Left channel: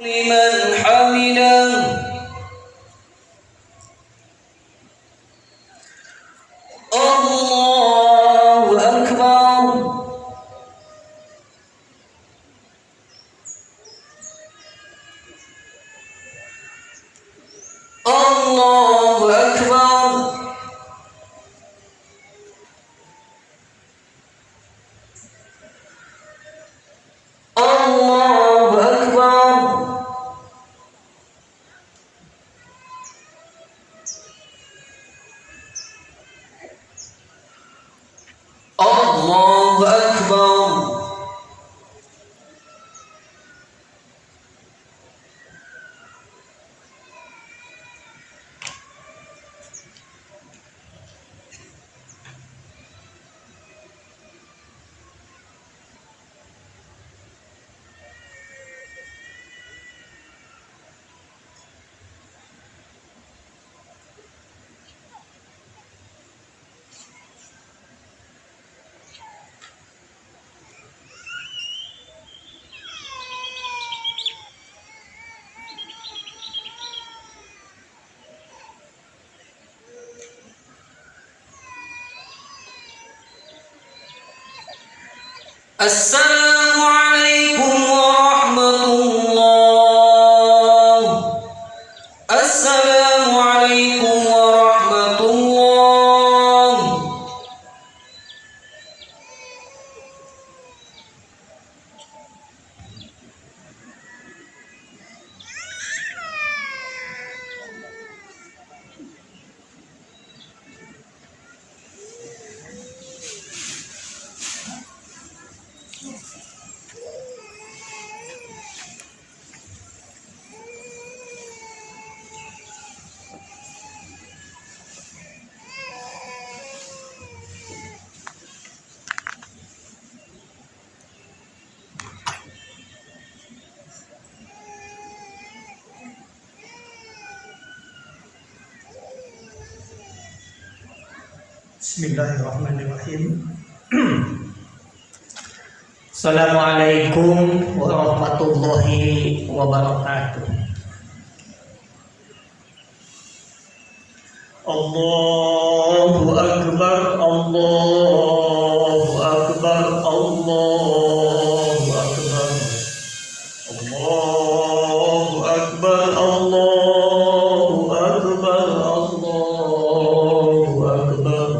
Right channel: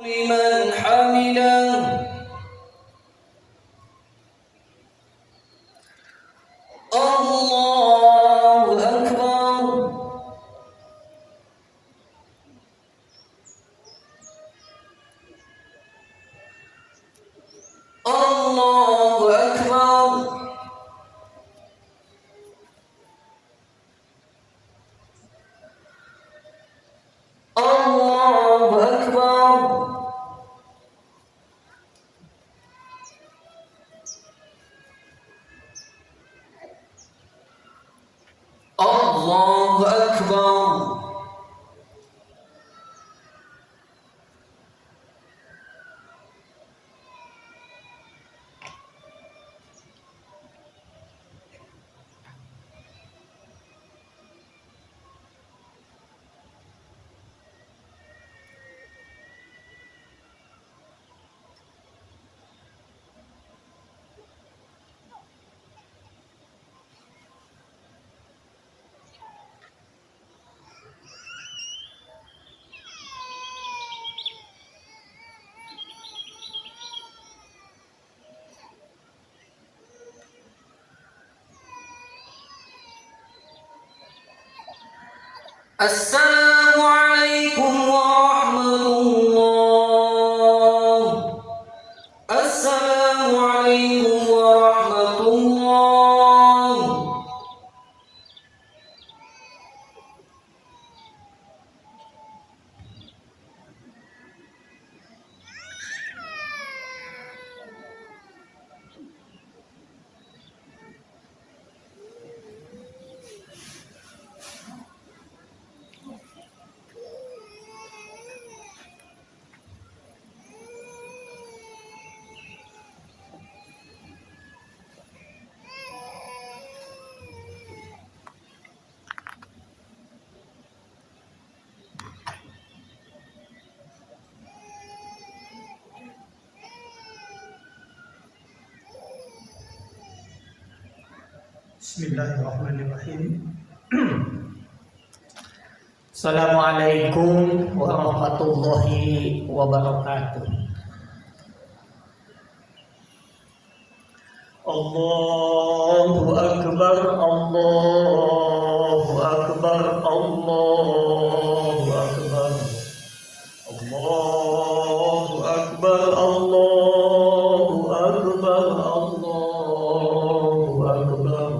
لمن حمده الله أكبر الله أكبر الله أكبر الله أكبر السلام عليكم ورحمة الله. السلام عليكم ورحمة الله. Bismillahirrahmanirrahim. Assalamualaikum warahmatullahi wabarakatuh. Allahu akbar, Allahu akbar, Allahu akbar. Allahu akbar, Allahu akbar, Allahu akbar.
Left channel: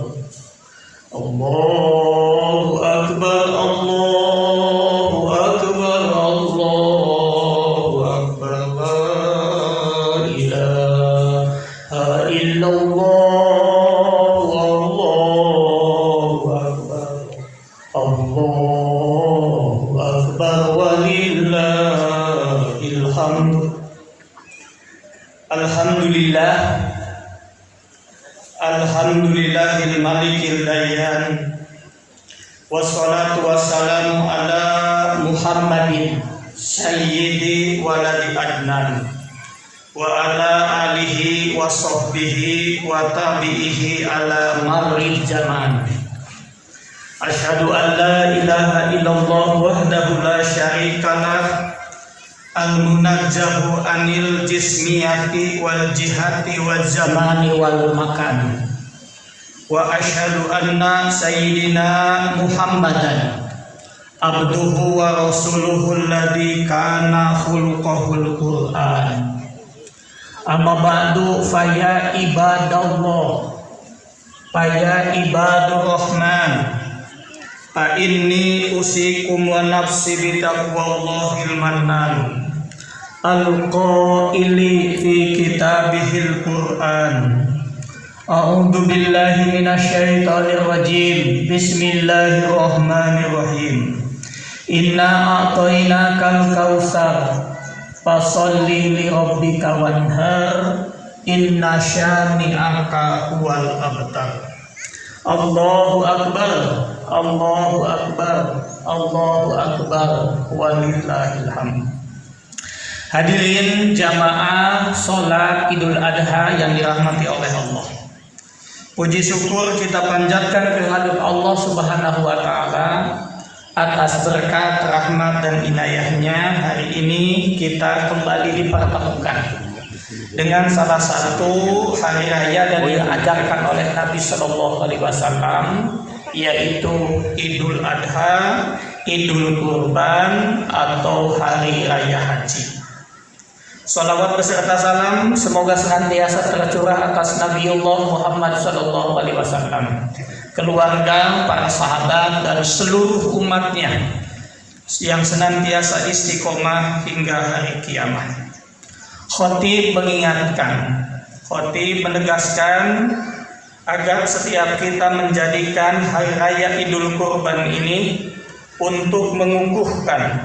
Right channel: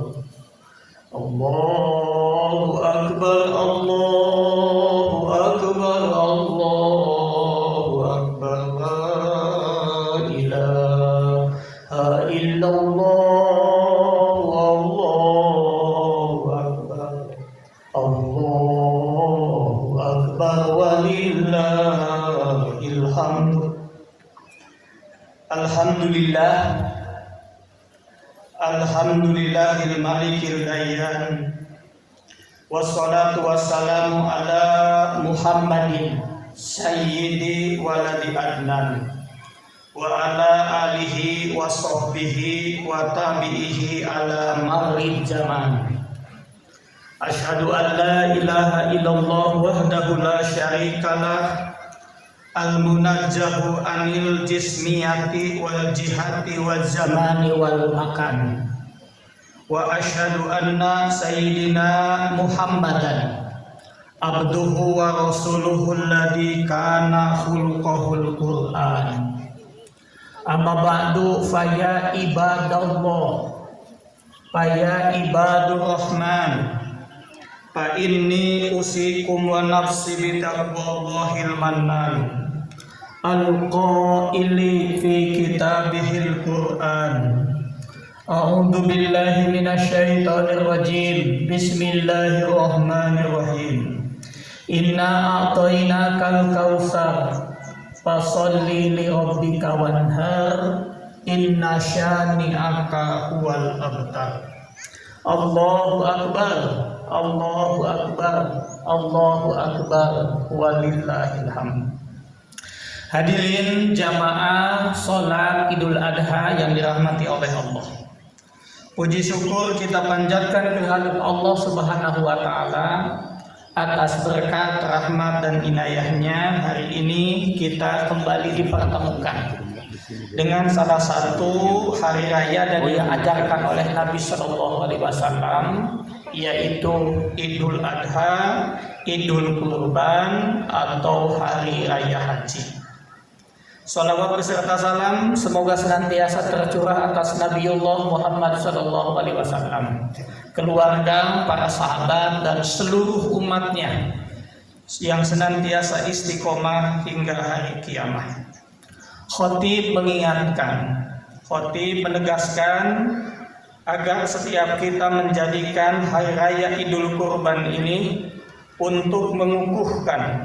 Allahu akbar, Allahu akbar, Allahu akbar. La ilaha illallah, Allahu akbar. Allahu akbar walillahil hamd. Alhamdulillah. Alhamdulillahil malikil dayyan. Wassalatu wassalamu ala Muhammadin sayyidi waladi adnan wa ala alihi wa sahbihi wa tabi'ihi ala marril zaman. Asyhadu an la ilaha illallah wahdahu la syarikalah al-munajjahu anil jismiyati wal jihati wal zamani wal makan. Wa asyhadu anna sayyidina Muhammadan abduhu wa rasuluhu alladhi kana khuluquhul Qur'an. Amma ba'du faya ibadallah, faya ibadur rahman, fa inni usikum wa nafsi bitaqwallahil mannan al-qaili fi kitabihil Qur'an. A'udzu billahi minasyaitonir rajim. Bismillahirrahmanirrahim. Inna a'tainakal kautsar fasholli li rabbika wanhar inna syani'aka huwal abtar. Allahu akbar, Allahu akbar, Allahu akbar walillahil hamd. Hadirin jamaah salat Idul Adha yang dirahmati oleh Allah. Puji syukur kita panjatkan kehadirat Allah Subhanahu wa taala Atas berkat, rahmat, dan inayahnya, hari ini kita kembali dipertemukan dengan salah satu hari raya dan yang diajarkan oleh Nabi Shallallahu Alaihi Wasallam, yaitu Idul Adha, Idul Kurban, atau Hari Raya Haji. Salawat beserta salam semoga senantiasa tercurah atas Nabiullah Muhammad Shallallahu Alaihi Wasallam, keluarga, para sahabat, dan seluruh umatnya yang senantiasa istiqomah hingga hari kiamat. Khatib mengingatkan, khatib menegaskan agar setiap kita menjadikan hari raya Idul Kurban ini untuk mengukuhkan,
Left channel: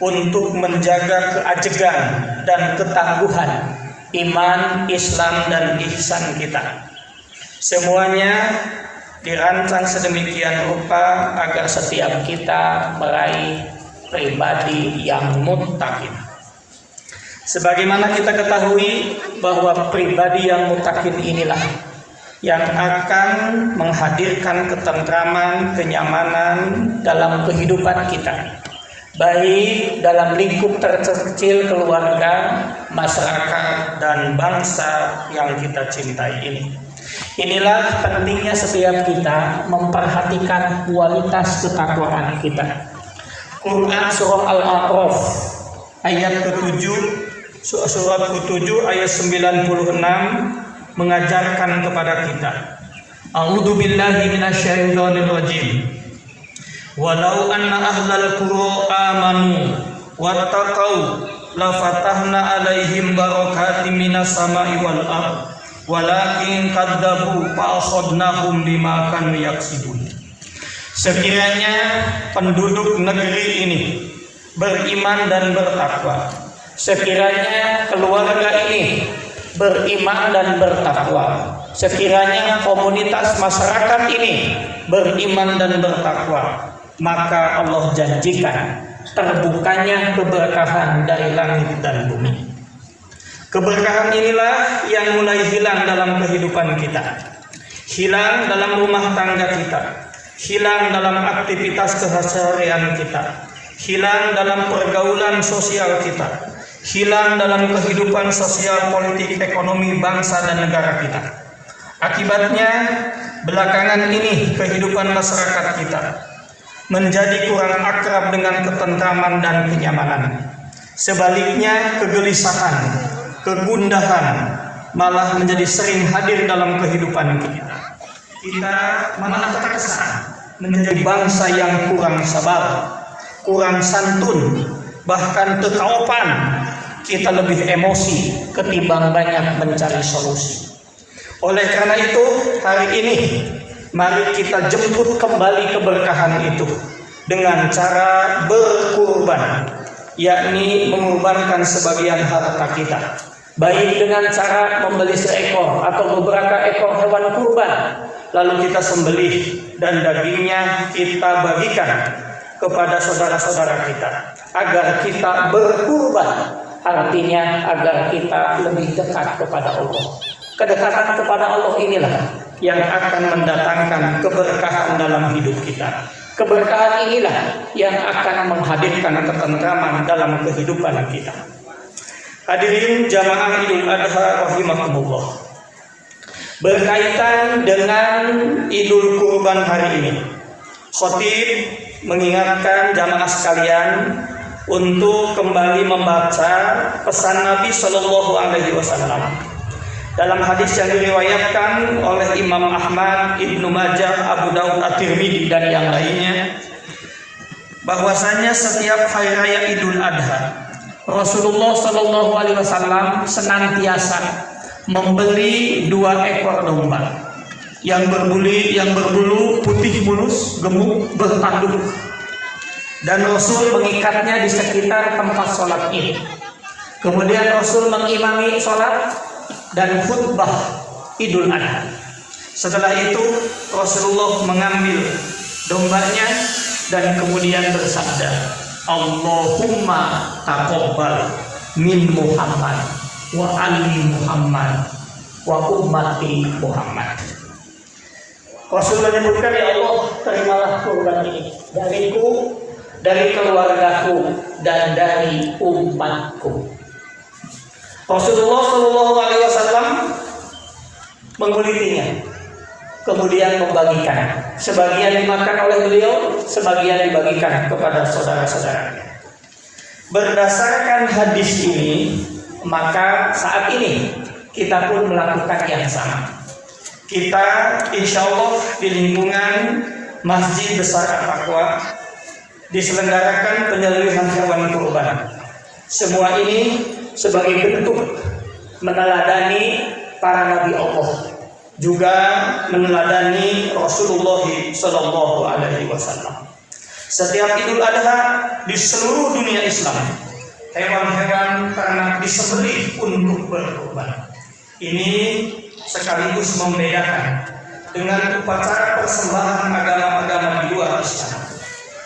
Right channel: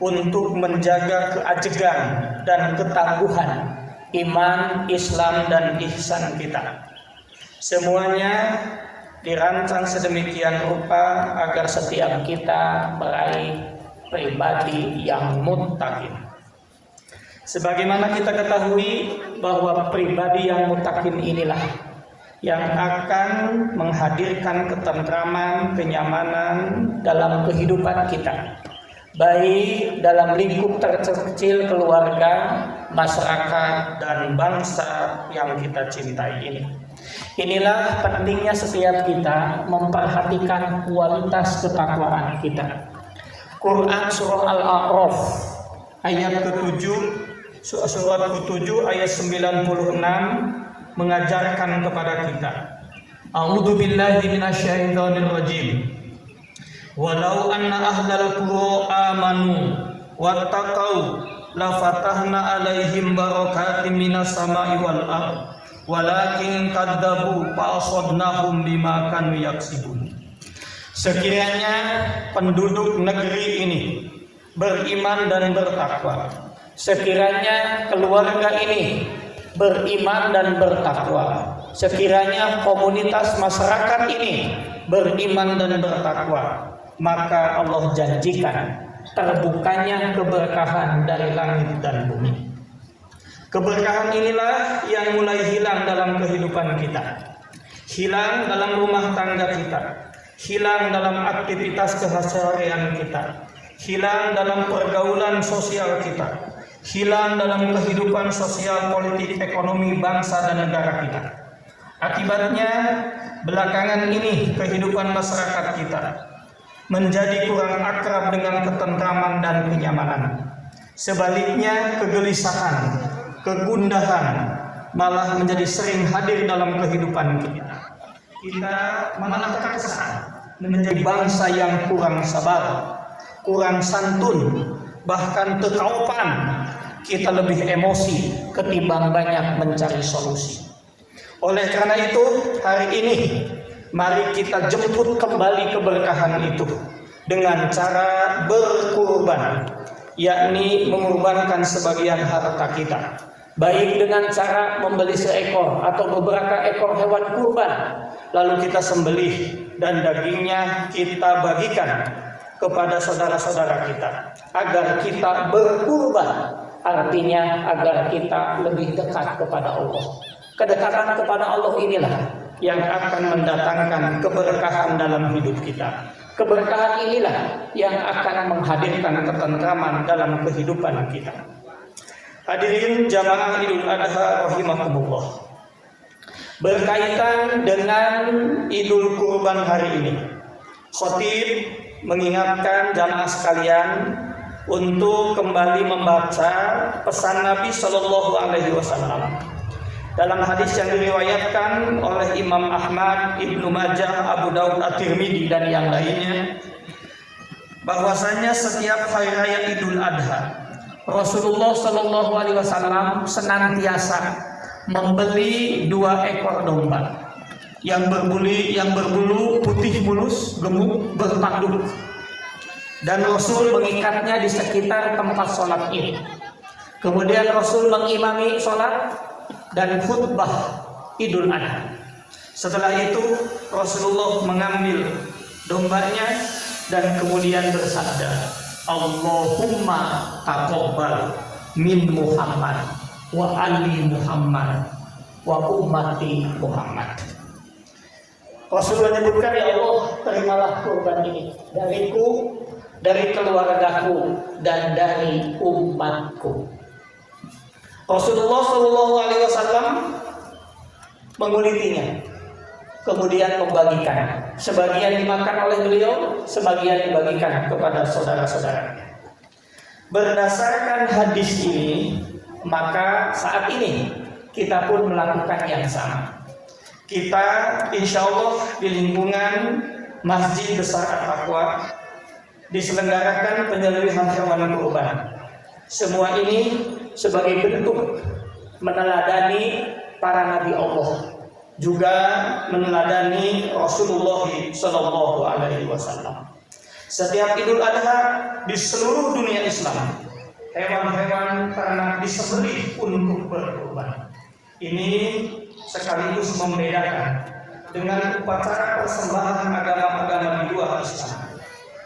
untuk menjaga keajegan dan ketangguhan iman, Islam, dan ihsan kita. Semuanya dirancang sedemikian rupa agar setiap kita meraih pribadi yang muttaqin. Sebagaimana kita ketahui bahwa pribadi yang muttaqin inilah yang akan menghadirkan ketentraman, kenyamanan dalam kehidupan kita, baik dalam lingkup terkecil keluarga, masyarakat, dan bangsa yang kita cintai ini. Inilah pentingnya setiap kita memperhatikan kualitas ketakwaan kita. Quran surah Al-A'raf ayat ke-7, surat ke-7 ayat 96 mengajarkan kepada kita, A'udzu billahi minasyaitonir rajim. Walau anna ahlal qura amanu wattaqau la fatahna alaihim barakatim minas samai wal ardh walakin kadzabu fa akhadnahum bima kanu yaksibun. Sekiranya penduduk negeri ini beriman dan bertakwa, sekiranya keluarga ini beriman dan bertakwa, sekiranya komunitas masyarakat ini beriman dan bertakwa, maka Allah janjikan terbukanya keberkahan dari langit dan bumi. Keberkahan inilah yang mulai hilang dalam kehidupan kita, hilang dalam rumah tangga kita, hilang dalam aktivitas keseharian kita, hilang dalam pergaulan sosial kita, hilang dalam kehidupan sosial, politik, ekonomi bangsa dan negara kita. Akibatnya belakangan ini kehidupan masyarakat kita menjadi kurang akrab dengan ketentraman dan kenyamanan. Sebaliknya kegelisahan, kegundahan malah menjadi sering hadir dalam kehidupan kita. Kita malah terkesan menjadi bangsa yang kurang sabar, kurang santun, bahkan kekaupan. Kita lebih emosi ketimbang banyak mencari solusi. Oleh karena itu, hari ini mari kita jemput kembali keberkahan itu dengan cara berkurban, yakni mengorbankan sebagian harta kita, baik dengan cara membeli seekor atau beberapa ekor hewan kurban, lalu kita sembelih dan dagingnya kita bagikan kepada saudara-saudara kita agar kita berkurban, artinya agar kita lebih dekat kepada Allah. Kedekatan kepada Allah inilah yang akan mendatangkan keberkahan dalam hidup kita. Keberkahan inilah yang akan menghadirkan ketentraman dalam kehidupan kita. Hadirin jamaah Idul Adha rahimakumullah. Berkaitan dengan Idul Kurban hari ini, khatib mengingatkan jamaah sekalian untuk kembali membaca pesan Nabi Shallallahu Alaihi Wasallam dalam hadis yang diriwayatkan oleh Imam Ahmad, Ibnu Majah, Abu Daud, At-Tirmidzi, dan yang lainnya, bahwasanya setiap hari raya Idul Adha Rasulullah Shallallahu Alaihi Wasallam senantiasa membeli 2 ekor domba yang berbulu putih mulus, gemuk, bertanduk, dan Rasul mengikatnya di sekitar tempat sholat ini. Kemudian Rasul mengimami sholat dan khutbah Idul Adha. Setelah itu Rasulullah mengambil dombanya dan kemudian bersabda, Allahumma taqabbal min Muhammad wa ali Muhammad wa ummati Muhammad. Rasulullah menyebutkan, ya Allah, terimalah kurban ini dariku dari keluargaku dan dari umatku. Rasulullah Shallallahu Alaihi Wasallam mengulitinya, kemudian membagikan. Sebagian dimakan oleh beliau, sebagian dibagikan kepada saudara-saudaranya. Berdasarkan hadis ini, maka saat ini kita pun melakukan yang sama. Kita insya Allah di lingkungan Masjid Besar At-Taqwa diselenggarakan penyembelihan hewan kurban. Semua ini sebagai bentuk meneladani para nabi Allah, juga meneladani Rasulullah Sallallahu Alaihi Wasallam. Setiap Idul Adha di seluruh dunia Islam, hewan-hewan ternak disembelih untuk berkurban. Ini sekaligus membedakan dengan upacara persembahan agama-agama di luar Islam.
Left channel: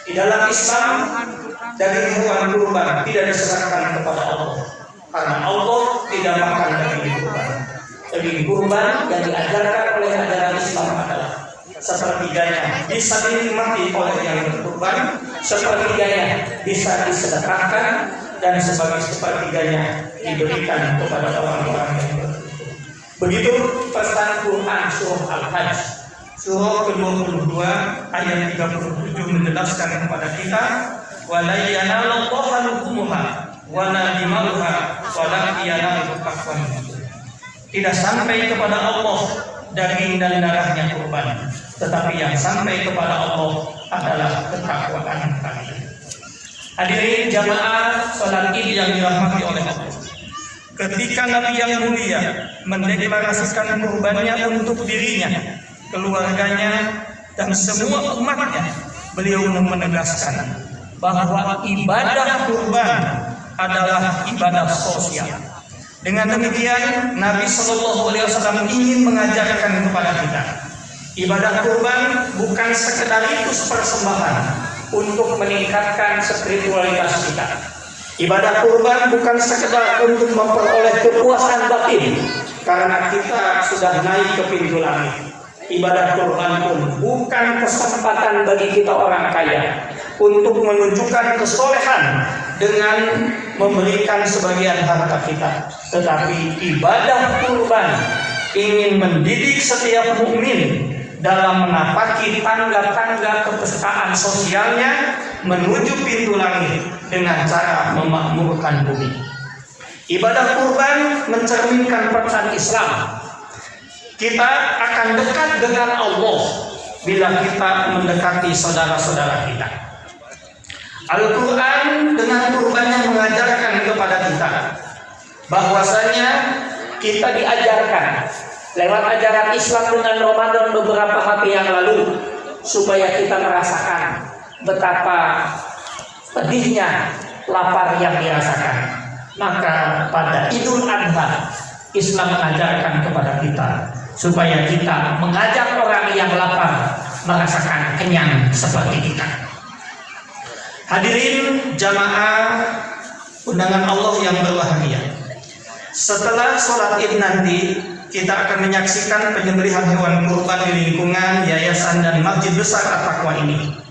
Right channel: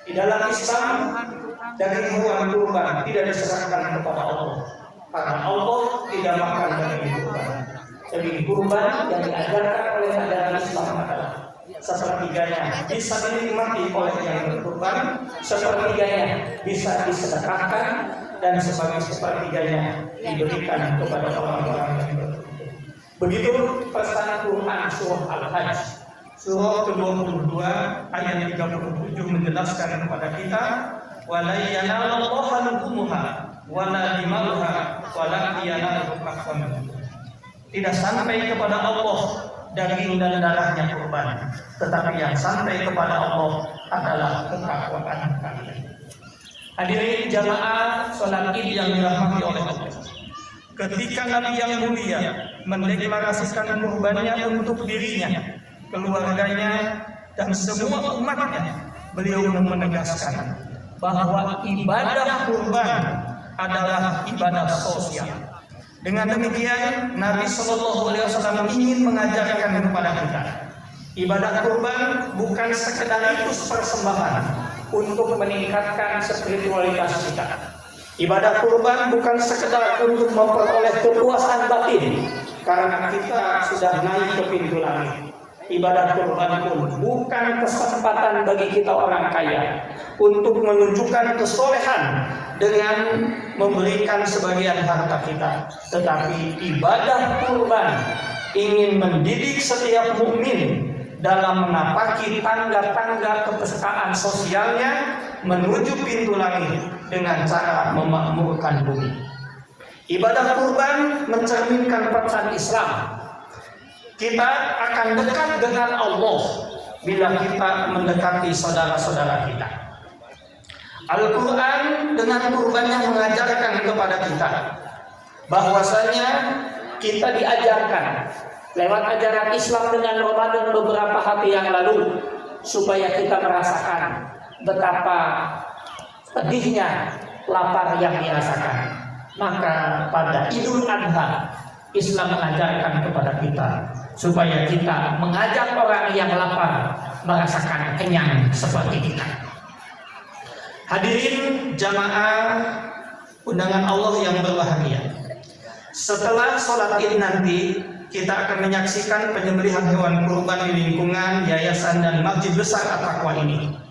Di dalam Islam, daging hewan kurban tidak diserahkan kepada Allah, karena Allah tidak makan daging kurban. Daging kurban yang diajarkan oleh ajaran Islam adalah sepertiganya bisa dinikmati oleh yang berkurban, sepertiganya bisa disedekahkan, dan sepertiganya diberikan kepada orang-orang yang berkurban. Begitu pesan Quran surah Al-Hajj surah ke-22 ayat 37 menjelaskan kepada kita, wala yanalallaha luhumuha wala dimauha walakin yanaluhu taqwa. Tidak sampai kepada Allah daging dan darahnya kurban, tetapi yang sampai kepada Allah adalah ketakwaan kalian. Hadirin jamaah salat Id yang dirahmati oleh Allah. Ketika Nabi yang mulia mendeklarasikan kurbannya untuk dirinya, keluarganya, dan semua umatnya, beliau menegaskan bahwa ibadah kurban adalah ibadah sosial. Dengan demikian, Nabi Shallallahu Alaihi Wasallam ingin mengajarkan kepada kita, ibadah kurban bukan sekedar itu persembahan untuk meningkatkan spiritualitas kita. Ibadah kurban bukan sekedar untuk memperoleh kepuasan batin karena kita sudah naik ke pintu langit. Ibadah kurban pun bukan kesempatan bagi kita orang kaya untuk menunjukkan kesolehan dengan memberikan sebagian harta kita, tetapi ibadah kurban ingin mendidik setiap mukmin dalam menapaki tangga-tangga kepesertaan sosialnya menuju pintu langit dengan cara memakmurkan bumi. Ibadah kurban mencerminkan pesan Islam. Kita akan dekat dengan Allah bila kita mendekati saudara-saudara kita. Al-Quran dengan kurbannya mengajarkan kepada kita bahwasanya kita diajarkan lewat ajaran Islam dengan Ramadan beberapa hari yang lalu supaya kita merasakan betapa pedihnya lapar yang dirasakan. Maka pada Idul Adha Islam mengajarkan kepada kita supaya kita mengajak orang yang lapar merasakan kenyang seperti kita. Hadirin jamaah undangan Allah yang berbahagia. Setelah sholat Id nanti kita akan menyaksikan penyembelihan hewan kurban di lingkungan yayasan dan Masjid Besar At-Taqwa ini.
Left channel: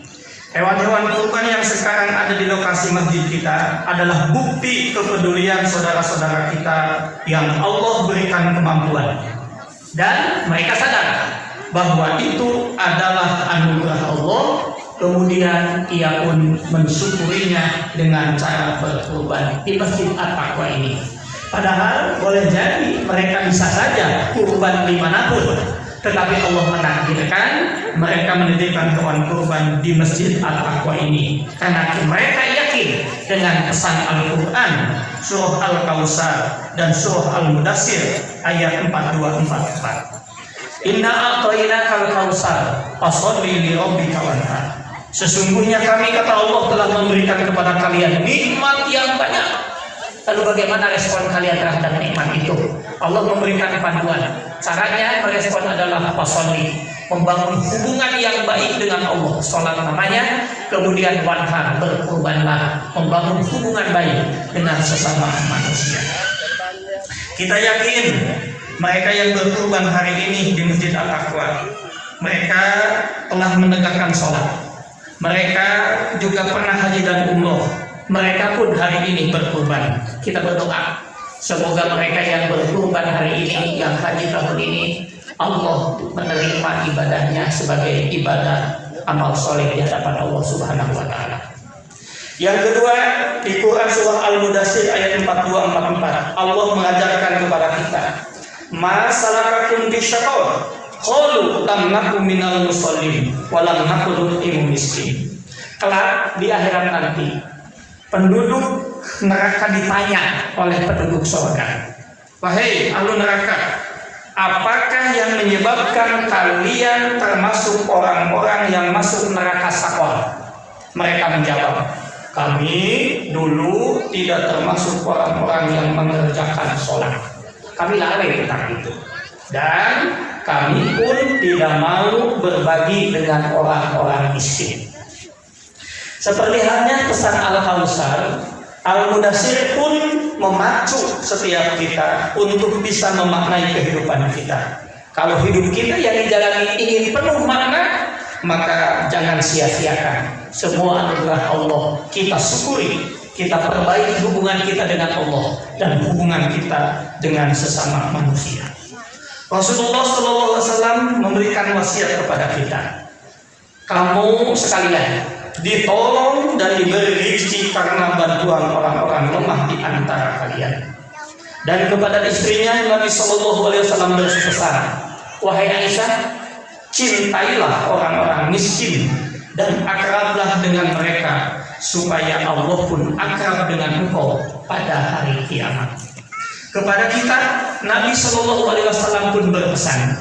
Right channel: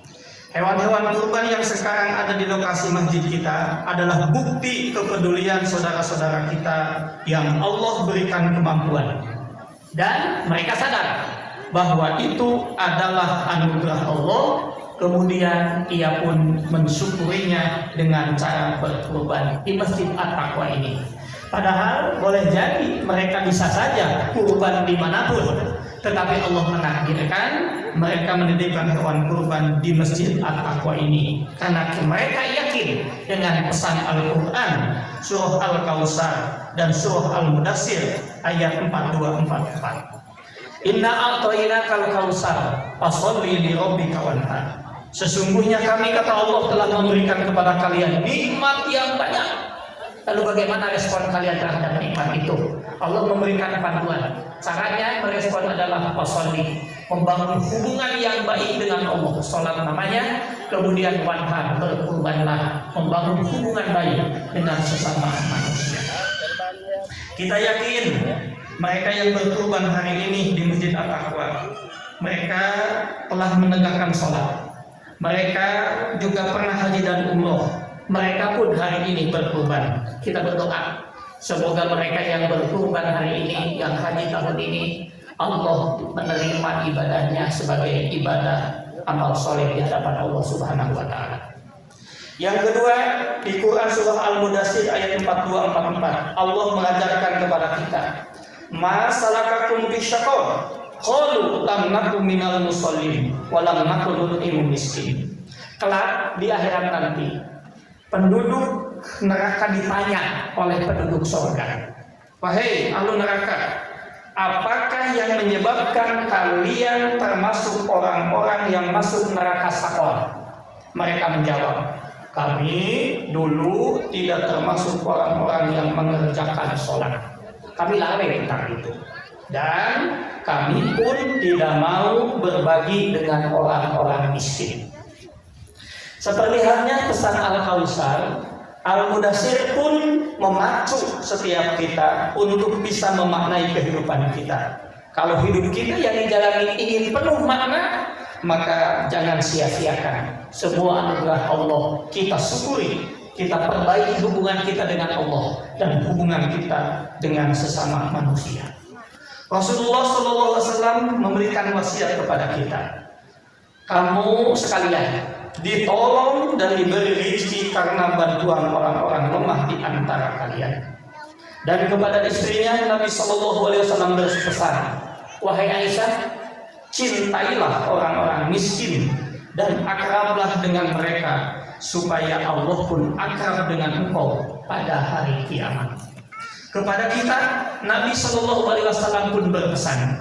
Hewan-hewan kurban yang sekarang ada di lokasi masjid kita adalah bukti kepedulian saudara-saudara kita yang Allah berikan kemampuan. Dan mereka sadar bahwa itu adalah anugerah Allah, kemudian ia pun mensyukurinya dengan cara berkurban di Masjid At-Taqwa ini. Padahal boleh jadi mereka bisa saja kurban dimanapun, tetapi Allah menakdirkan mereka mendirikan hewan kurban di Masjid At-Taqwa ini karena mereka yakin dengan pesan Al-Quran surah Al-Kautsar dan surah Al-Mudassir ayat 42-44. Inna a'tainakal kautsar fasholli li rabbika wanhar. Sesungguhnya kami, kata Allah, telah memberikan kepada kalian nikmat yang banyak. Lalu bagaimana respon kalian terhadap nikmat itu? Allah memberikan panduan. Caranya merespon adalah fasholli, membangun hubungan yang baik dengan Allah, sholat namanya, kemudian wanhar, berkurbanlah, membangun hubungan baik dengan sesama manusia. Kita yakin mereka yang berkurban hari ini di Masjid At-Taqwa, mereka telah menegakkan sholat, Mereka juga pernah haji dan umroh. Mereka pun hari ini berkurban. Kita berdoa semoga mereka yang berkurban hari ini, yang haji tahun ini, Allah menerima ibadahnya sebagai ibadah amal soleh di hadapan Allah Subhanahu wa Ta'ala. Yang kedua, di Quran surah Al-Mudaththir ayat 42-44, Allah mengajarkan kepada kita, "Ma salakakum fi syaqar? Qalu lam naku minal musallin wa lam naku nut'imu miskin." Kelak di akhirat nanti, penduduk neraka ditanya oleh penduduk surga, "Wahai ahli neraka, apakah yang menyebabkan kalian termasuk orang-orang yang masuk neraka sakor?" Mereka menjawab, "Kami dulu tidak termasuk orang-orang yang mengerjakan sholat. Kami lalai tentang itu. Dan kami pun tidak mau berbagi dengan orang-orang miskin." Seperti halnya pesan Al-Kautsar, Al-Mudaththir pun memacu setiap kita untuk bisa memaknai kehidupan kita. Kalau hidup kita yang dijalani ingin penuh makna, maka jangan sia-siakan semua anugerah Allah. Kita syukuri, kita perbaiki hubungan kita dengan Allah dan hubungan kita dengan sesama manusia. Rasulullah SAW memberikan wasiat kepada kita, "Kamu sekalian ditolong dan diberi rezeki karena bantuan orang-orang lemah di antara kalian." Dan kepada istrinya Nabi SAW berpesan, "Wahai Aisyah, cintailah orang-orang miskin dan akrablah dengan mereka, supaya Allah pun akrab dengan engkau pada hari kiamat." Kepada kita Nabi SAW pun berpesan,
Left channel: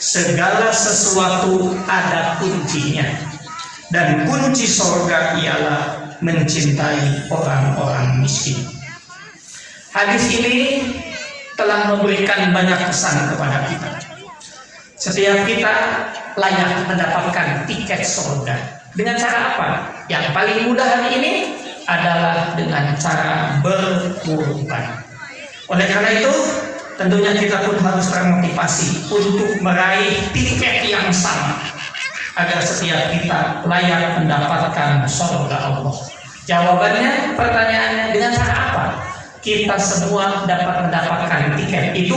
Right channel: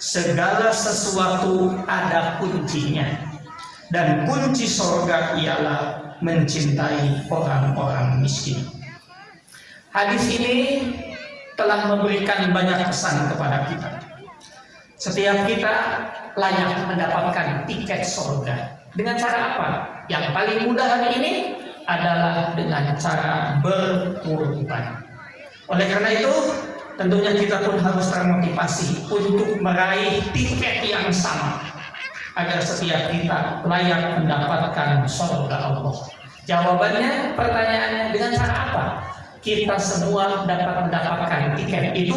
"Segala sesuatu ada kuncinya, dan kunci surga ialah mencintai orang-orang miskin." Hadis ini telah memberikan banyak pesan kepada kita. Setiap kita layak mendapatkan tiket surga. Dengan cara apa? Yang paling mudah hari ini adalah dengan cara berkurban. Oleh karena itu, tentunya kita pun harus termotivasi untuk meraih tiket yang sama, agar setiap kita layak mendapatkan surga Allah. Jawabannya, pertanyaannya, dengan cara apa kita semua dapat mendapatkan tiket itu?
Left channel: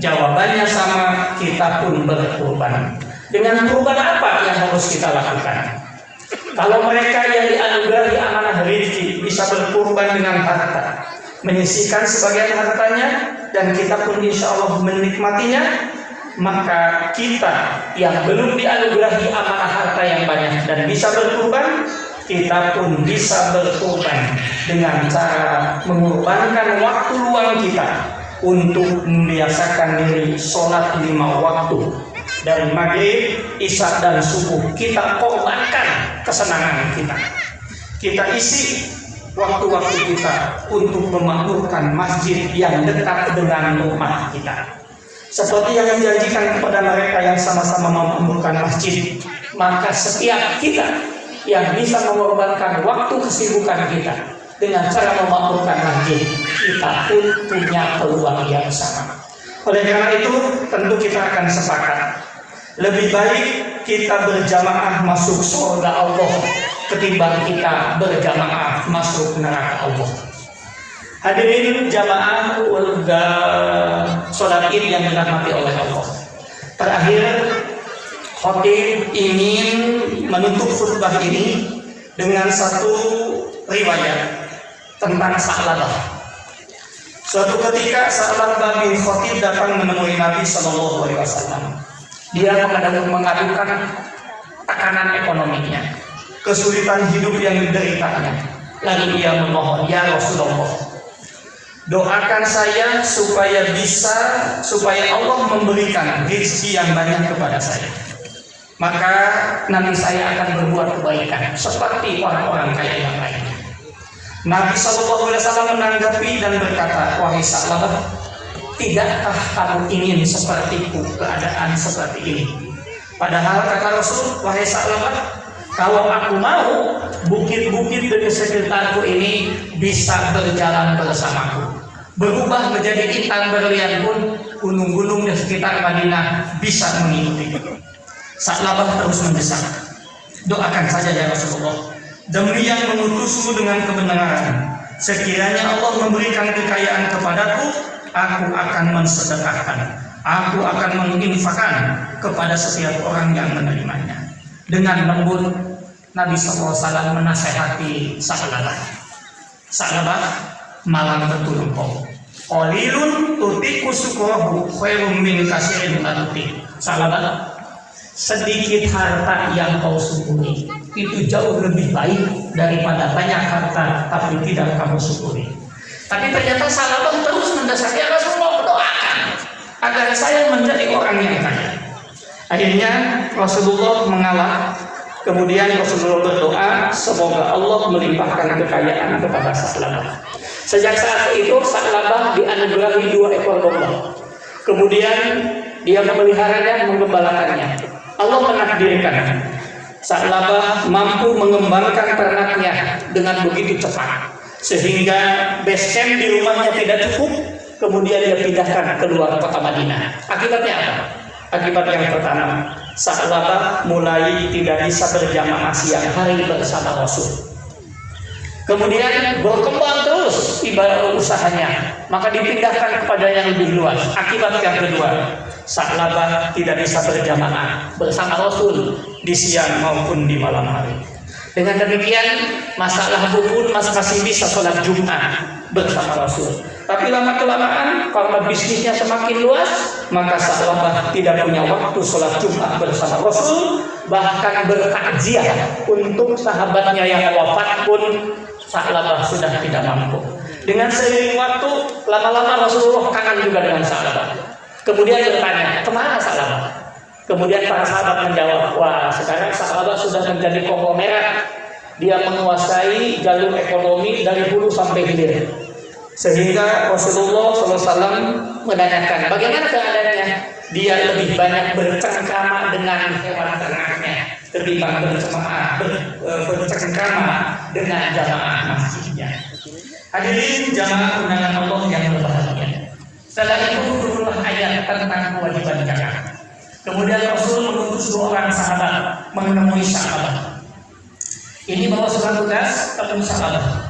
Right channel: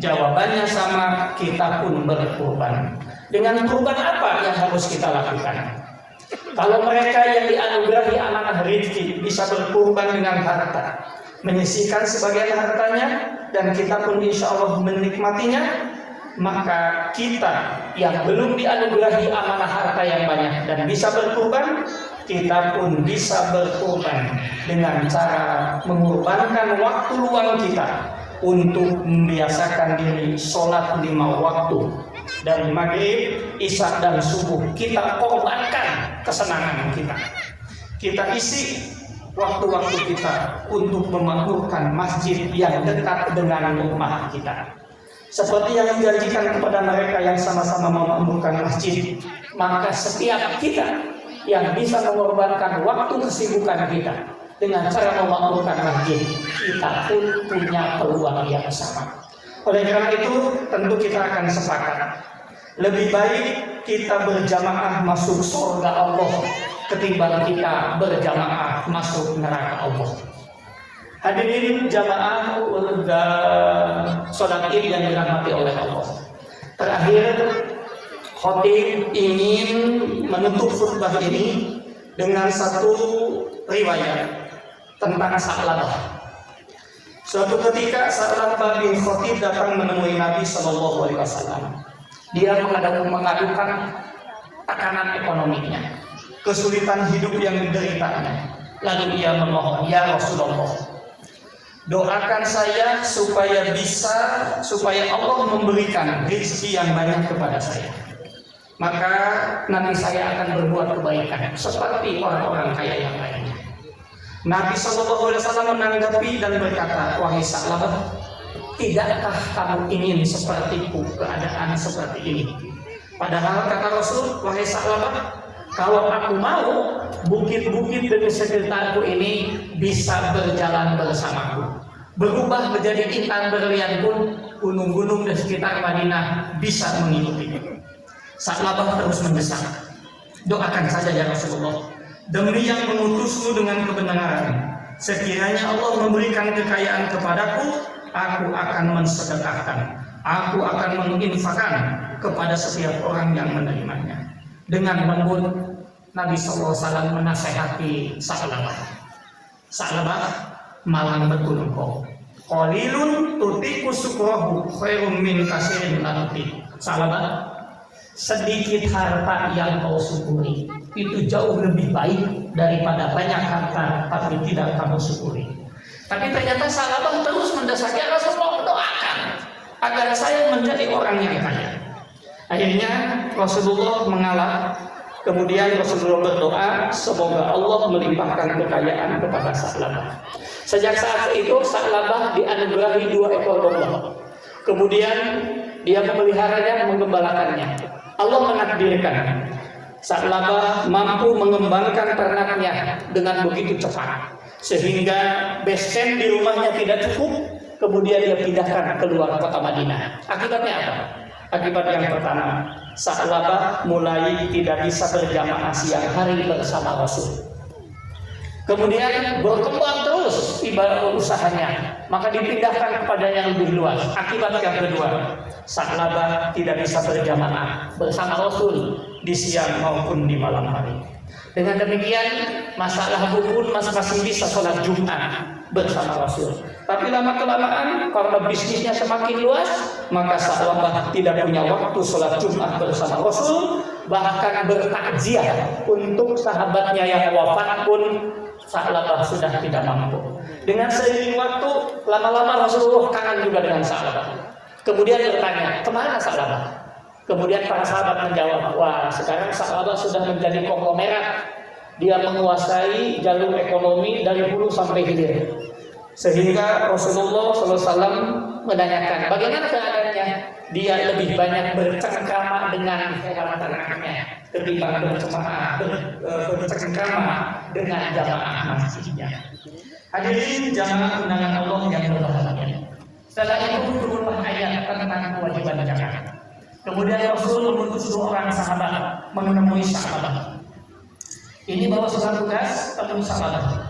Jawabannya sama, kita pun berkorban. Dengan kurban apa yang harus kita lakukan? Kalau mereka yang dianugerahi amanah rezeki bisa berkorban dengan harta, menyisihkan sebagian hartanya, dan kita pun insya Allah menikmatinya, maka kita yang belum dianugerahi amanah harta yang banyak dan bisa berkorban, kita pun bisa berkorban dengan cara mengorbankan waktu luang kita untuk membiasakan diri sholat 5 waktu dari maghrib, isya dan subuh. Kita korbankan kesenangan kita. Kita isi waktu-waktu kita untuk memakmurkan masjid yang dekat dengan rumah kita. Seperti yang dijanjikan kepada mereka yang sama-sama memakmurkan masjid, maka setiap kita yang bisa mengorbankan waktu kesibukan kita dengan cara memakmurkan masjid, kita pun punya peluang yang sama. Oleh karena itu, tentu kita akan sepakat, lebih baik kita berjamaah masuk surga Allah ketimbang kita berjamaah masuk neraka Allah. Hadirin jamaah sholat Id yang dirahmati oleh Allah. Terakhir, khatib ingin menutup khutbah ini dengan satu riwayat tentang Sa'labah. Suatu ketika Sa'labah bin Khatib datang menemui Nabi Shallallahu Alaihi Wasallam. Dia mengadukan tekanan ekonominya, kesulitan hidup yang dideritanya. Lalu dia memohon, "Ya Rasulullah, doakan saya supaya Allah memberikan rezeki yang banyak kepada saya. Maka nanti saya akan berbuat kebaikan seperti orang-orang kaya yang lainnya." Nabi SAW menanggapi dan berkata, "Wahai Sa'labah, tidakkah kamu ingin sepertiku keadaan seperti ini?" Padahal kata Rasul, "Wahai Sa'labah, kalau aku mau, bukit-bukit di sekitarku ini bisa berjalan bersamaku. Berubah menjadi intan berlian pun, gunung-gunung di sekitar Madinah bisa mengikuti." Sa'labah terus mendesak, Doakan saja ya Rasulullah, demi yang mengutusmu dengan kebenaran, sekiranya Allah memberikan kekayaan kepadaku, aku akan mensedekahkan, aku akan menginfakkan kepada setiap orang yang menerimanya. Dengan lembut Nabi SAW menasehati Sa'labah. Sa'labah, malam betul engkau. Qalilun tutiku syukrahu khairum min katsirin la tutik. Sa'labah, sedikit harta yang kau syukuri itu jauh lebih baik daripada banyak harta tapi tidak kamu syukuri. Tapi ternyata Sa'labah terus mendasari Rasulullah, doakan agar saya menjadi orang yang kaya. Akhirnya Rasulullah mengalah. Kemudian Rasulullah berdoa, semoga Allah melimpahkan kekayaan kepada Sa'labah. Sejak saat itu Sa'labah dianugerahi 2 ekor domba. Kemudian dia memeliharanya, menggembalakannya. Allah menakdirkan Sa'labah mampu mengembangkan ternaknya dengan begitu cepat, sehingga base camp di rumahnya tidak cukup. Kemudian dia pindahkan keluar kota Madinah. Akibatnya apa? Akibat yang pertama, Sa'labah mulai tidak bisa berjamaah siang hari bersama Rasul. Kemudian berkembang terus ibadah usahanya, maka dipindahkan kepada yang lebih luas. Akibat yang kedua, Sa'labah tidak bisa berjamaah bersama Rasul di siang maupun di malam hari. Dengan demikian, masalah pun masih bisa sholat Jumat bersama Rasul. Tapi lama-kelamaan karena bisnisnya semakin luas, maka Sa'labah tidak punya waktu sholat Jumat bersama Rasul. Bahkan bertakziah untuk sahabatnya yang wafat pun Sa'labah sudah tidak mampu. Dengan seiring waktu, lama-lama Rasulullah kangen juga dengan Sa'labah. Kemudian bertanya, kemana Sa'labah? Kemudian para sahabat menjawab, wah sekarang Sa'labah sudah menjadi konglomerat. Dia menguasai jalur ekonomi dari hulu sampai hilir. Sehingga Rasulullah SAW menanyakan, bagaimana keadaannya? Dia lebih banyak bercengkrama dengan hewan ternaknya ketimbang bercengkrama dengan jamaah masjidnya. Hadirin jamaah undangan Allah yang berbahagia. Setelah itu turunlah ayat tentang kewajiban zakat. Kemudian Rasul mengutus 2 orang sahabat menemui Sa'labah. Ini bawa surat tugas ketemu Sa'labah.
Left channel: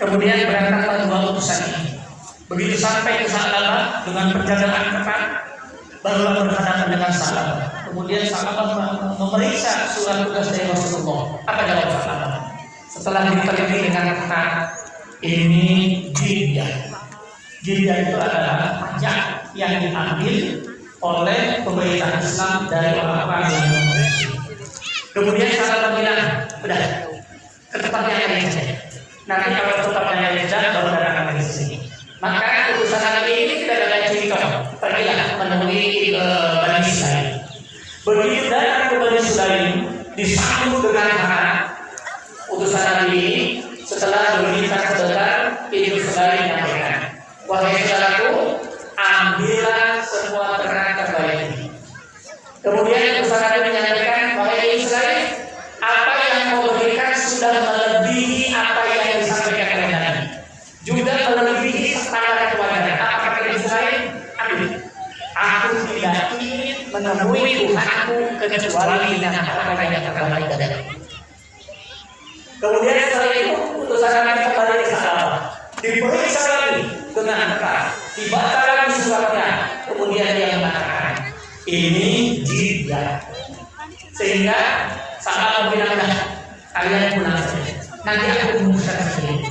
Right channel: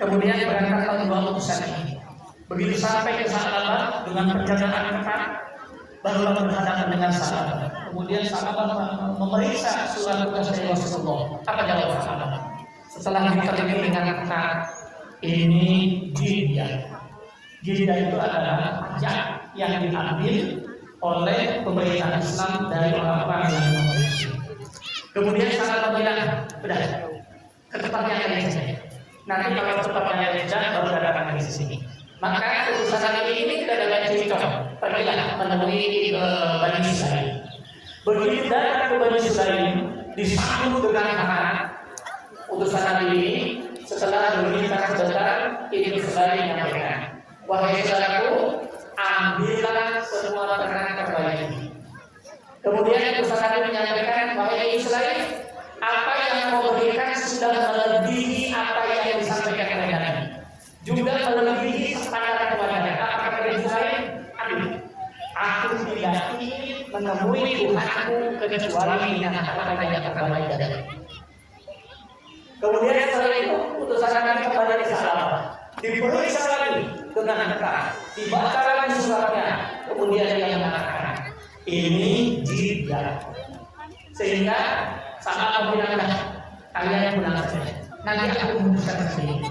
Kemudian berangkatlah 2 utusan ini. Begitu sampai ke Sa'labah dengan penjagaan ketat, barulah berhadapan dengan Sa'labah. Kemudian Sa'labah memeriksa surat tugas dari Rasulullah. Apa jawab Sa'labah? Setelah diteliti dengan ketat, ini jizyah. Jizyah itu adalah pajak yang diambil oleh pemerintah Islam dari orang-orang yang non-Muslim. Kemudian Sa'labah bilang, udah, ke tempatnya yang lain saja. Nanti kalau tempatnya yang lain saja, baru datang lagi ke sini. Maka utusan Nabi ini tidak ada banyak cerita. Pergilah menemui Bani Israil. Begitu datang ke Bani Israil, disambut dengan hangat. Utusan Nabi ini setelah berbincang sebentar, Ibnu Israil menyampaikan, wahai saudaraku, ambillah semua ternak terbaik ini. Kemudian utusan Nabi menyampaikan, wahai Israil, apa yang kau berikan sudah melebihi apa yang disampaikan oleh Nabi. Juga melebihi standar kewajaran. Apa kata Israil? Aku tidak ingin menemui Tuhanku kecuali dengan apa yang terbaik dari. Kemudian setelah itu utusan Nabi kembali ke Sa'labah. Diperiksa lagi dengan ketat, dibaca lagi suratnya. Kemudian dia mengatakan, ini jizyah. Sehingga Sa'labah bilang, kalian pulang saja. Nanti aku memutuskan sendiri.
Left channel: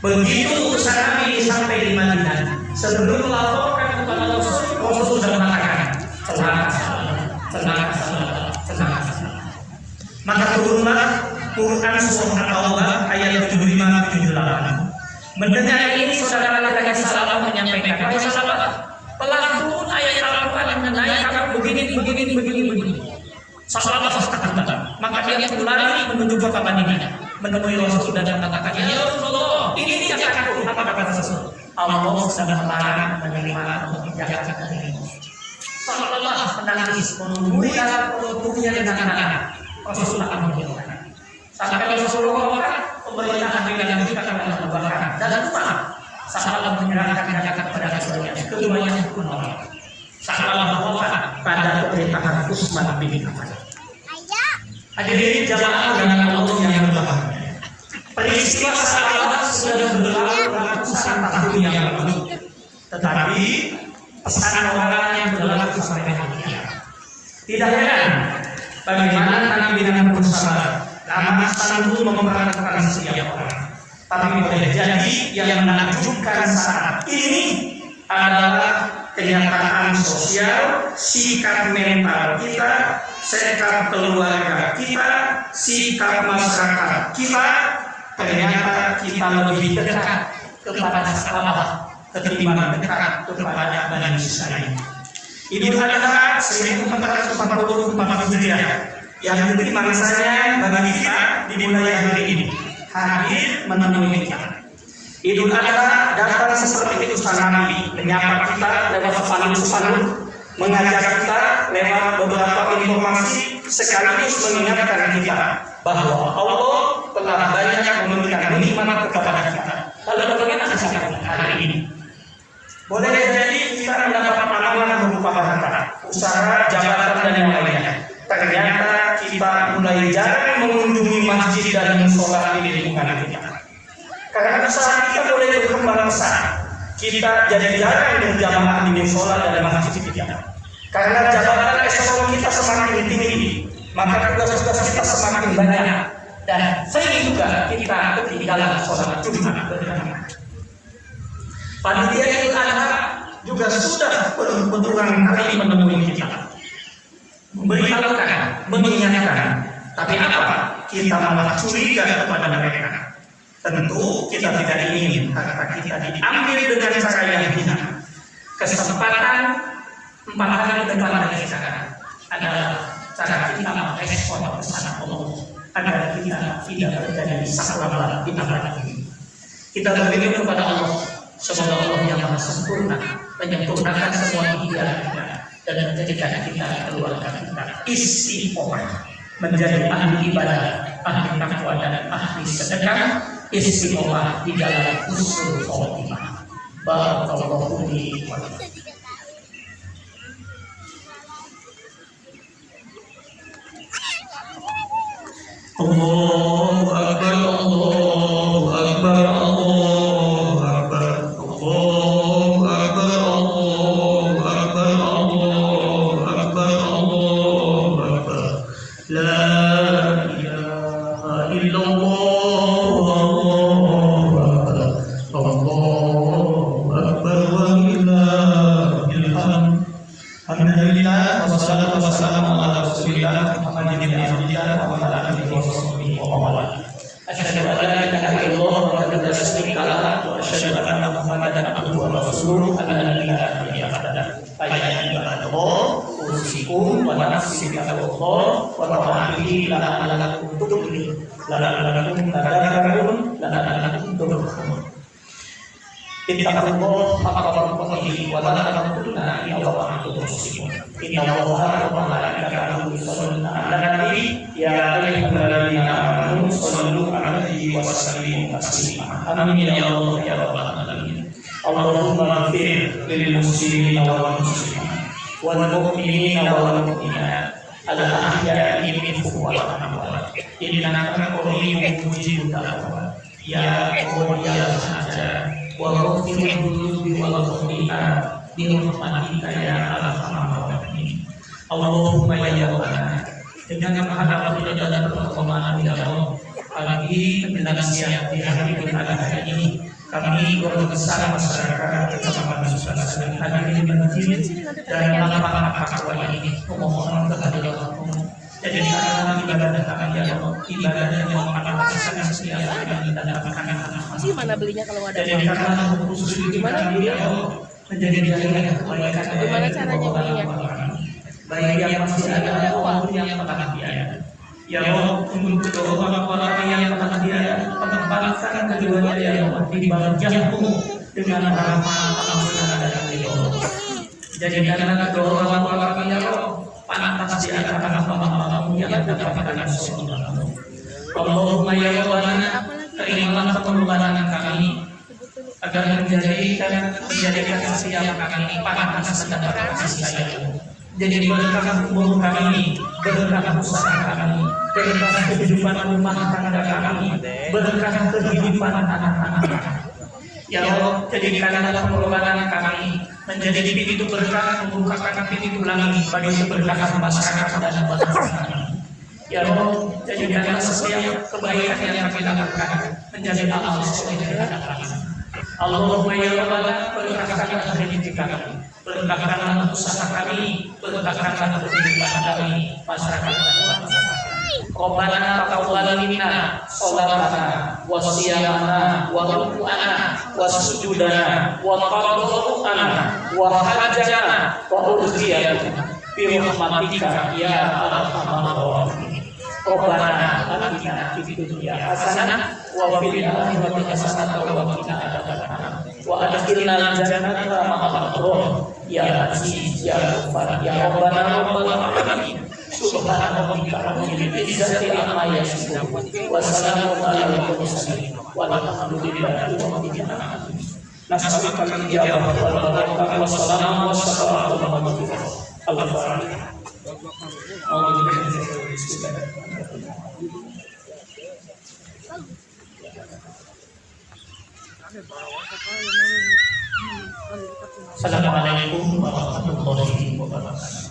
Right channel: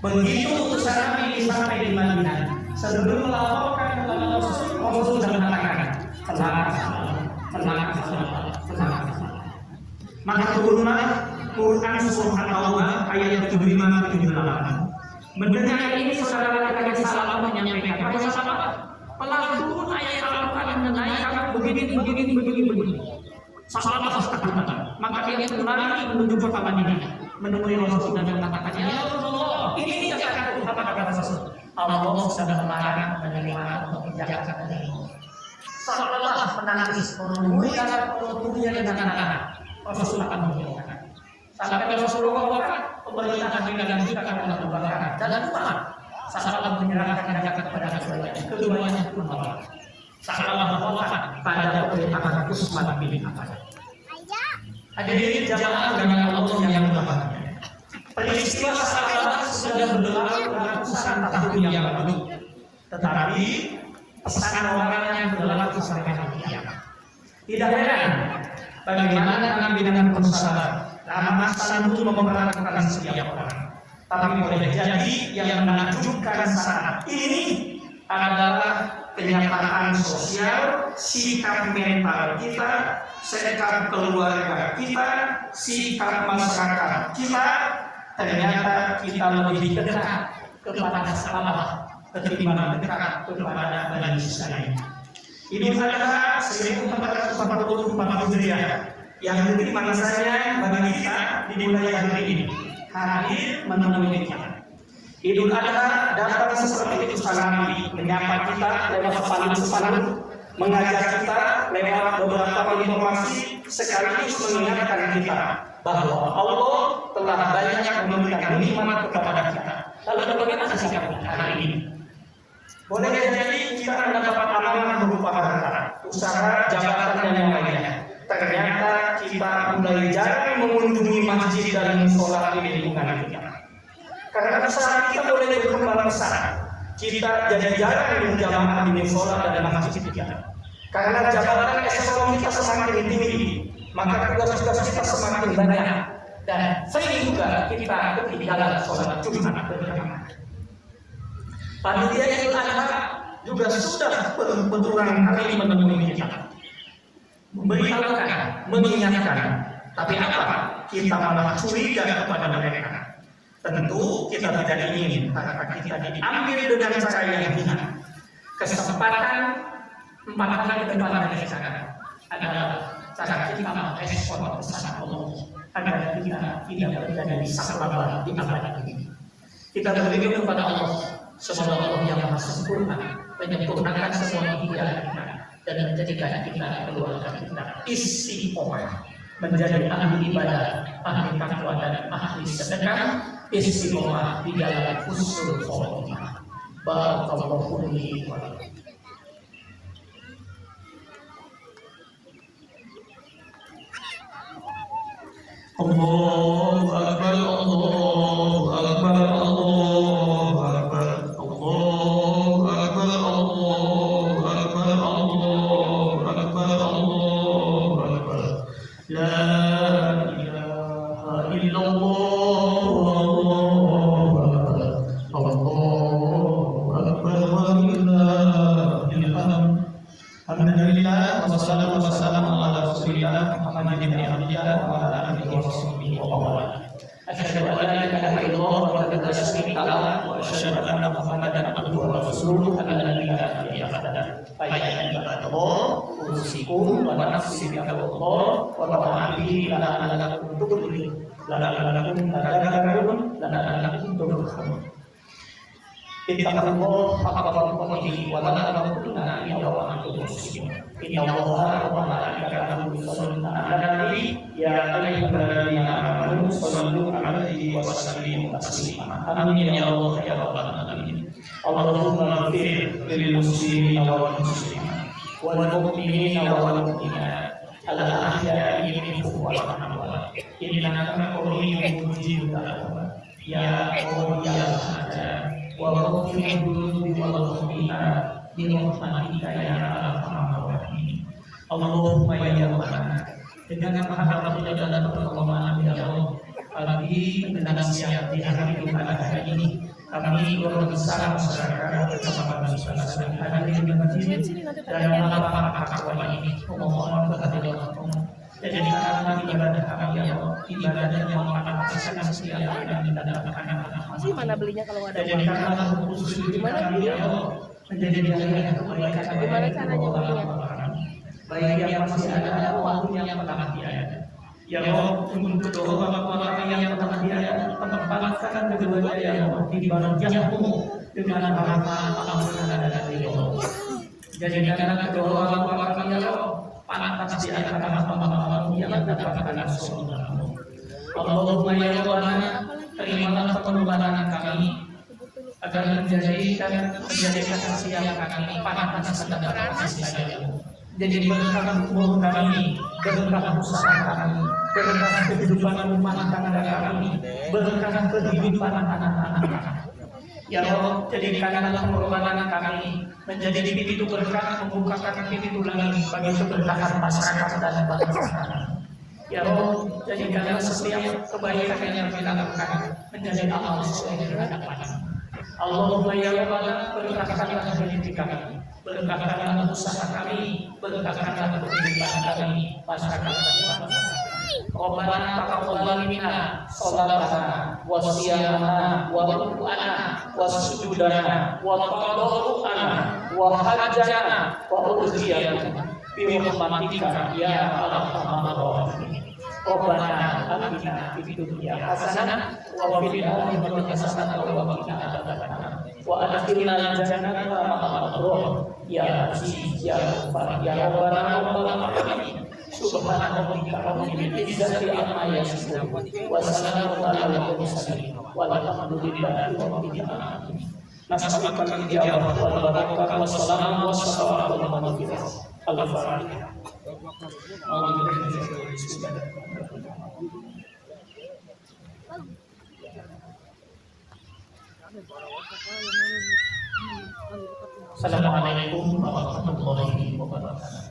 Begitu utusan Nabi sampai di Madinah, sebelum melaporkan kepada Rasul, Rasul sudah mengatakan, celaka. Maka turunlah Quran surah Al-Baqarah ayat 75-78. Mendengar ini saudara laki-laki Sa'labah menyampaikan, wahai Sa'labah, telah turun ayat Al-Quran mengenai kamu begini. Sa'labah ketakutan. Maka dia berlari menuju kota Madinah, menemui Rasul dan mengatakan, ya Rasulullah, ini zakat. Apa kata Rasul? Allah sudah melarang menerima zakat dari ini. Sa'labah menangis, menunjukkan tubuhnya dengan anak. Rasul akan menjawabkan. Sampai Rasulullah mengatakan, pemerintahan dengan kita akan melakukan. Dan lupa, Sa'labah menyerahkan zakat kepada keduanya. Keduanya pun menolak. Sa'labah wafat pada pemerintahan Utsman bin Affan. Hadirin jamaah dengan Allah yang berbahagia. Peristiwa sahabat sudah berlalu ratusan tahun yang lalu, tetapi pesan orang yang berlaku sampai hari ini. Tidak heran bagaimana Nabi berusaha karena sanggup memperhatikan setiap orang. Tapi boleh jadi yang menakjubkan saat ini adalah kenyataan sosial, sikap mental kita, sikap keluarga kita, sikap masyarakat kita. Ternyata kita lebih dekat kepada sahabat ketimbang dekat kepada Bani Israil. Idul Adha 1444 Hijriah yang nanti masanya bagi kita dimulai hari ini hadir menemui kita. Idul Adha datang seperti utusan Nabi menyapa kita lewat sopanan, mengajak kita lewat beberapa informasi sekaligus mengingatkan kita bahwa Allah telah banyak memberikan nikmat kepada kita. Lalu bagaimana sikap kita hari ini? Boleh jadi kita mendapat amanah berupa harta, usaha, jabatan dan yang lainnya. Ternyata kita mulai jarang mengunjungi masjid dan musola di lingkungan kita. Karena usaha kita mulai berkembang besar, kita jadi jarang berjamaah di musola dan masjid kita. Karena jabatan eselon kita semakin tinggi, maka tugas-tugas kita semakin banyak dan sering juga kita ketinggalan sholat Jumat berjamaah. Panitia Idul Adha juga sudah berulang kali menemui kita, memberitahukan, mengingatkan, tapi apa? Kita malah curiga kepada mereka. Tentu kita tidak ingin harta kita diambil dengan cara yang hina. Kesempatan 4 hari ke depan dari sekarang adalah cara kita merespon pesan Allah agar kita tidak terjadi salah di abad ini. Kita berdoa kepada Allah, semoga Allah yang Maha Sempurna menyempurnakan semua ibadah kita dan menjadikan kita keluarga kita istiqomah menjadi ahli ibadah, ahli takwa dan ahli sedekah, istiqomah di dalam husnul khotimah. Barakallahu li wa lakum. Allahu Akbar, Allahu Akbar, Allahu Akbar, Allahu Akbar, Allahu Akbar, Allahu Akbar, Allahu Akbar. La ilaha illallah, Allahu Akbar, walillahil hamd. Alhamdulillah, wassalatu wassalamu ala Rasulillah Muhammadin Abdillah wa ala alihi wa sahbihi wa man. Asyhadu an la ilaha illallah wa la syarika lahu wa asyhadu anna Muhammadan abduhu wa rasuluhu alladzi la ilaha illa huwa. Ayat ibadallah, usikum wa nafsi bi Allah wa ta'ala la'allakum tuflihun. La'allakum tadhakkarun, la'allakum turhamun. Ittaqullah haqqa tuqatih wa la tamutunna illa wa antum muslimun. Inna Allaha wa malaikatahu yusholluna 'alan nabi ya ayyuhalladzina amanu shollu 'alaihi wa sallimu taslima. Amin ya Allah ya rabbal alamin. Allahumma ighfir lil muslimina wal muslimat wal mu'minina wal mu'minat al ahya'i minhum wal amwat. Innaka qawiyyun mujibud da'wat. Ya Allah ya Hajar wa ghafirul dhunubi wal khati'at bi rahmatika ya arhamar rahimin. Allahumma ya Rabbana, dengan menghadap dan permohonan ya Allah pagi menjelang siang di hari Idul Adha ini, kami berbesar masyarakat Kecamatan Sukasan hadir di masjid dan malam takwa ini memohon kepada Allah jadikanlah ibadah kami ya Allah ibadah yang memanfaatkan setiap kami mendapatkan sih mana belinya kalau ada jadikanlah khusus kami ya Allah menjadi jalan kebaikan. Bagaimana caranya belinya? Baik yang masih ada maupun yang telah tiada. Ya Allah, untuk kedua orang yang telah tiada, tempatkan keduanya ya Allah di bagian-Mu dengan harapan ampunan dan ridho. Jadikanlah kedua orang ya Allah pantas di antara hamba-Mu yang mendapatkan surga-Mu. Allahumma ya Rabbana, terimalah pengorbanan kami agar menjadikan siap kami pantas mendapat kasih sayang-Mu. Jadi berkah umur kami, berkah usaha kami, berkah kehidupan rumah tangga kami, berkah kehidupan anak-anak kami. Ya Allah, jadikanlah pengorbanan kami menjadi pintu berkah, membukakan pintu langit bagi keberkahan masyarakat dan bangsa kami. Ya Allah, jadikanlah setiap kebaikan yang kami lakukan menjadi amal soleh di hadapan. Allahumma ya Rabbana, berkahkanlah rezeki kami, berkahkanlah usaha kami, berkahkanlah kehidupan kami, masyarakat dan bangsa. Rabbana taqabbal minna sholatana wa siyamana wa ruku'ana wa sujudana wa tadarru'ana wa hajjana wa urjiyatana bi rahmatika ya arhamar rahimin. Rabbana atina fid dunya hasanah wa fil akhirati hasanah wa qina adzabannar wa adkhilna jannata ma'al abrar ya aziz ya ghafar ya rabbana rabbal alamin. Subhana rabbika rabbil izzati amma yasifun wa salamun alal mursalin walhamdulillahi rabbil alamin. Nas'aluka min ijabah wal barakah wassalamu wassalamu ala rasulillah. Al-Fatihah. Assalamualaikum warahmatullahi wabarakatuh.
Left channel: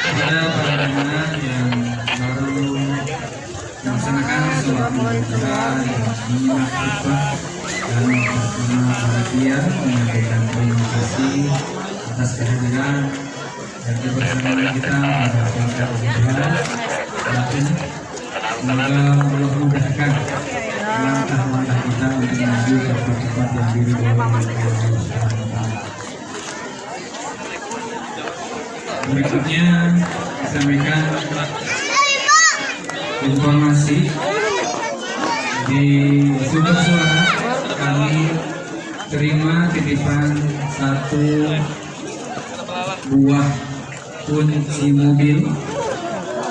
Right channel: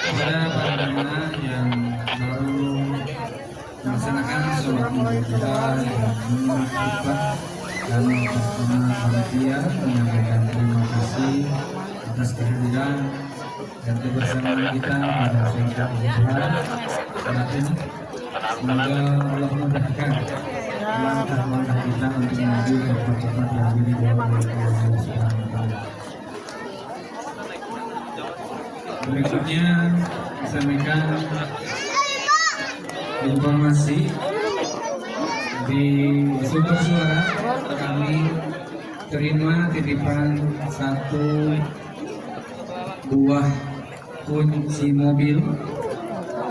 Kepada para jemaah yang baru melaksanakan sholat ibadah yang menyimak khutbah dan bersama panitia menyampaikan terima kasih atas kehadiran dan kebersamaan kita pada sholat ibadah. Semoga Allah mudahkan langkah-langkah kita untuk menuju ke tempat yang diridhoi oleh Allah Subhanahu wa Ta'ala. Berikutnya sampaikan informasi di sumber suara kami terima titipan satu buah kunci mobil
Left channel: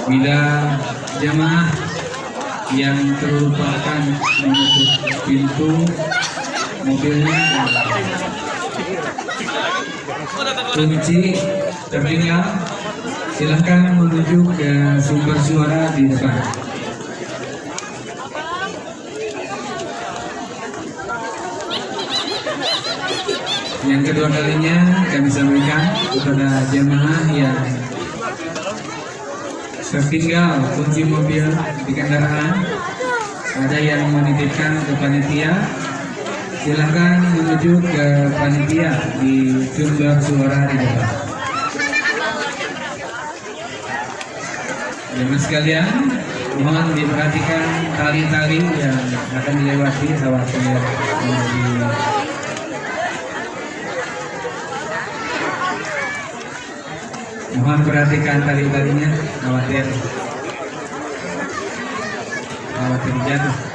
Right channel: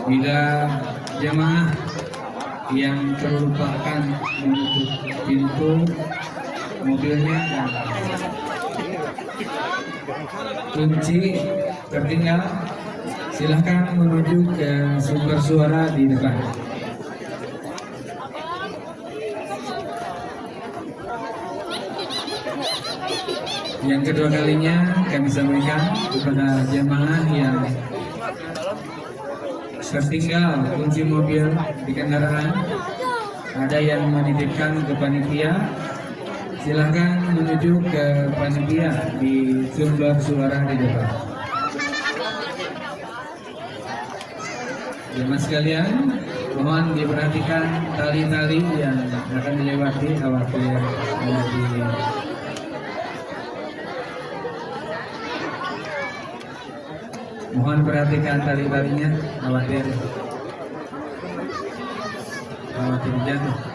bila jamaah yang terlupakan menutup pintu mobilnya kunci tertinggal Silahkan menuju ke sumber suara di depan. Yang kedua kalinya kami sampaikan kepada jemaah yang tertinggal kunci mobil di kendaraan, ada yang menitipkan ke panitia, silahkan menuju ke panitia di sumber suara di depan. Jemaah sekalian, mohon diperhatikan tali-tali yang akan dilewati khawatir mohon perhatikan tali-talinya, khawatir jatuh.